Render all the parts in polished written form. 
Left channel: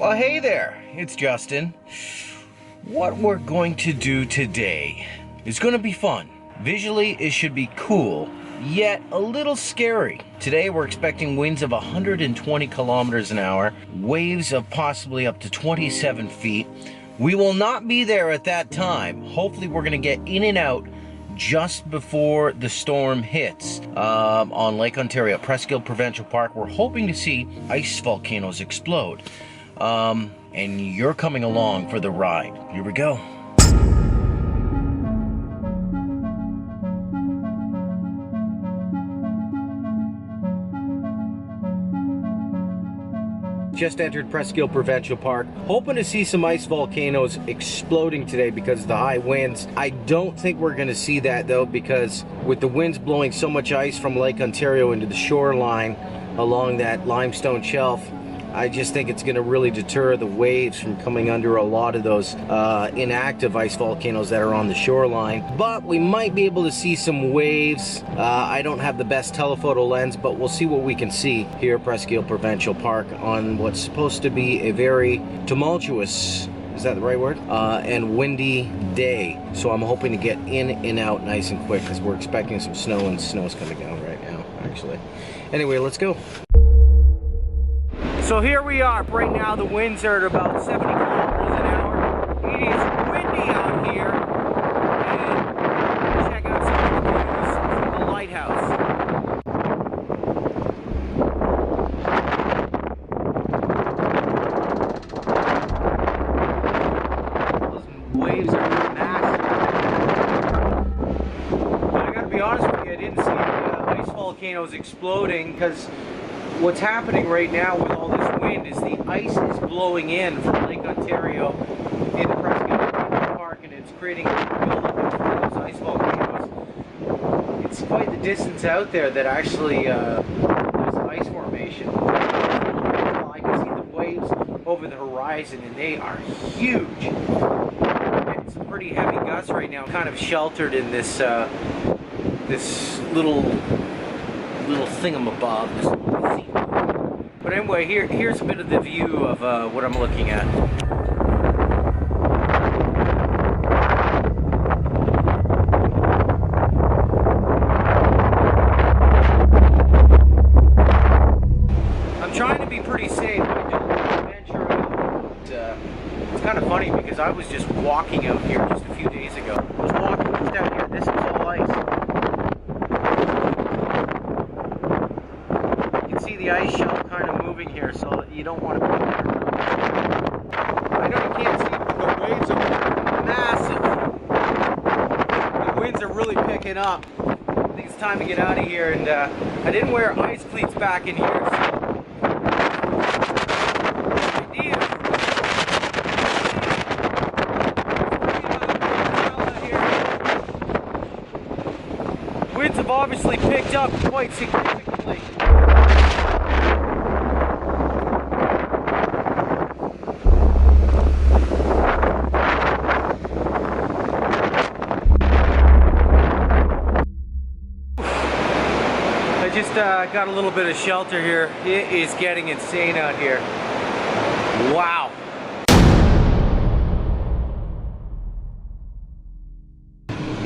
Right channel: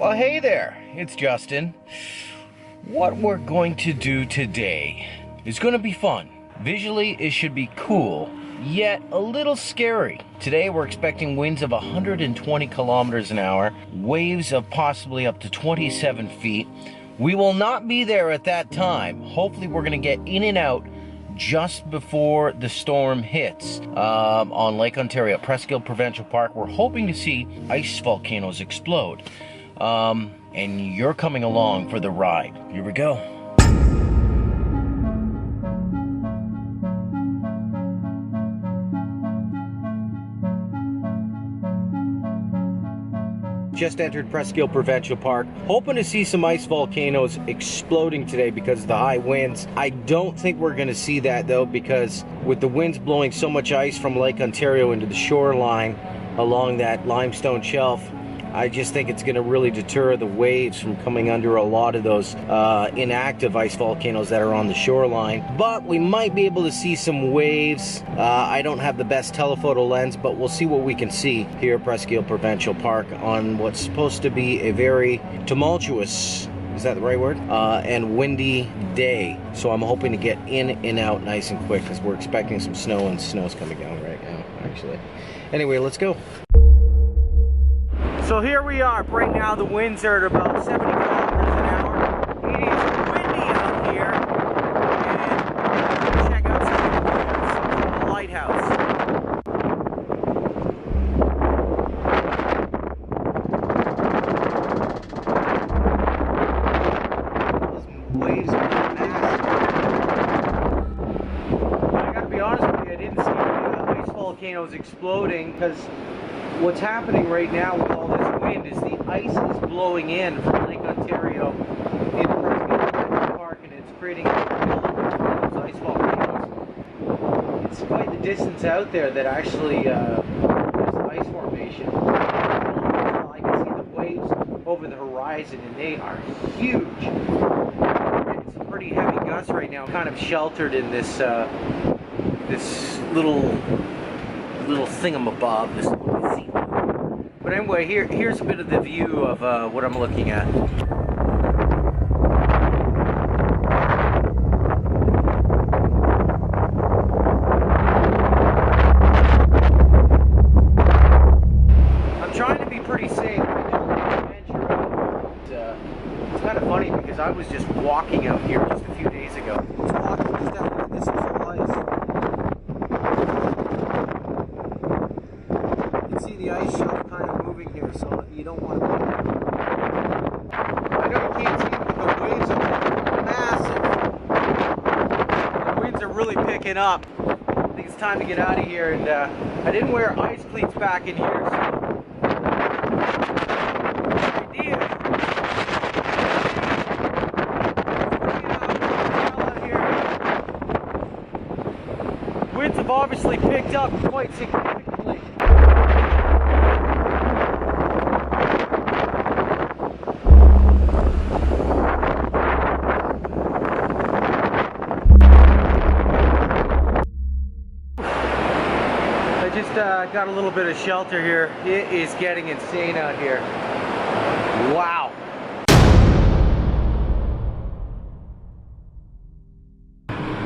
Well, hey there, it's Justin. What we're going to do today is going to be fun. Visually, it should be cool, yet a little scary. Today, we're expecting winds of 120 kilometers an hour, waves of possibly up to 27 feet. We will not be there at that time. Hopefully, we're going to get in and out just before the storm hits on Lake Ontario, Presqu'ile Provincial Park. We're hoping to see ice volcanoes explode. And you're coming along for the ride. Here we go. Just entered Presqu'ile Provincial Park, hoping to see some ice volcanoes exploding today because of the high winds. I don't think we're going to see that though, because with the winds blowing so much ice from Lake Ontario into the shoreline along that limestone shelf, I just think it's going to really deter the waves from coming under a lot of those inactive ice volcanoes that are on the shoreline. But we might be able to see some waves. I don't have the best telephoto lens, but we'll see what we can see here at Presqu'ile Provincial Park on what's supposed to be a very tumultuous, is that the right word? And windy day. So I'm hoping to get in and out nice and quick because we're expecting some snow, and snow's coming down right now, actually. Anyway, let's go. So here we are. Right now the winds are at about 70 kilometers an hour. It is windy out here. And we're going to check out some of the views from the lighthouse. Those waves are massive. I gotta be honest with you, I didn't see any ice volcanoes exploding because what's happening right now with all this wind is the ice is blowing in from Lake Ontario into Presqu'ile Provincial Park, and it's creating a buildup in front of those ice volcanoes. It's quite the distance out there that actually there's ice formation. I can see the waves over the horizon, and they are huge. We're getting some pretty heavy gusts right now, kind of sheltered in this this little thingamabob, this little gazebo. But anyway, here's a bit of the view of what I'm looking at. I'm trying to be pretty safe. I don't venture out. It's kind of funny because I was just walking out here just a few days ago. I was walking just out here. This was all ice. See the ice shelf kind of moving here, so you don't want to be around. I know you can't see, but the waves over there are massive. The winds are really picking up. I think it's time to get out of here, and I didn't wear ice cleats back in here, so ideas. Winds have obviously picked up quite significantly. I just got a little bit of shelter here. It is getting insane out here. Wow.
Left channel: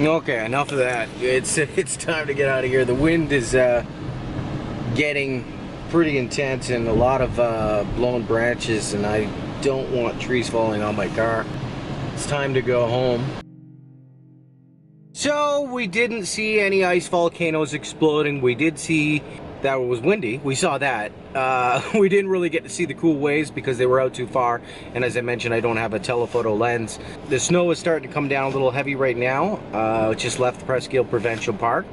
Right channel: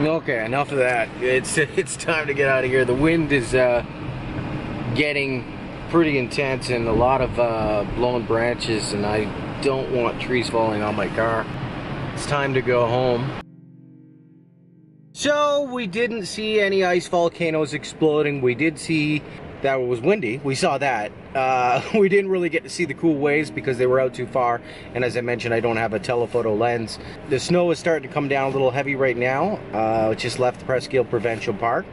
Okay, enough of that. It's time to get out of here. The wind is getting pretty intense and a lot of blown branches, and I don't want trees falling on my car. It's time to go home. So we didn't see any ice volcanoes exploding. We did see that it was windy. We saw that. We didn't really get to see the cool waves because they were out too far. And as I mentioned, I don't have a telephoto lens. The snow is starting to come down a little heavy right now. Just left the Presqu'ile Provincial Park.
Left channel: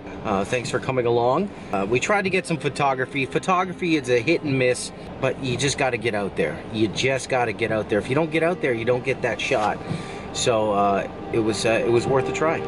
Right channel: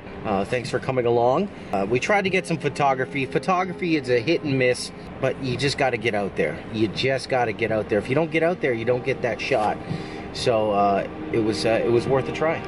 Thanks for coming along. We tried to get some photography. Photography is a hit and miss, but you just got to get out there. You just got to get out there. If you don't get out there, you don't get that shot. So it was worth a try.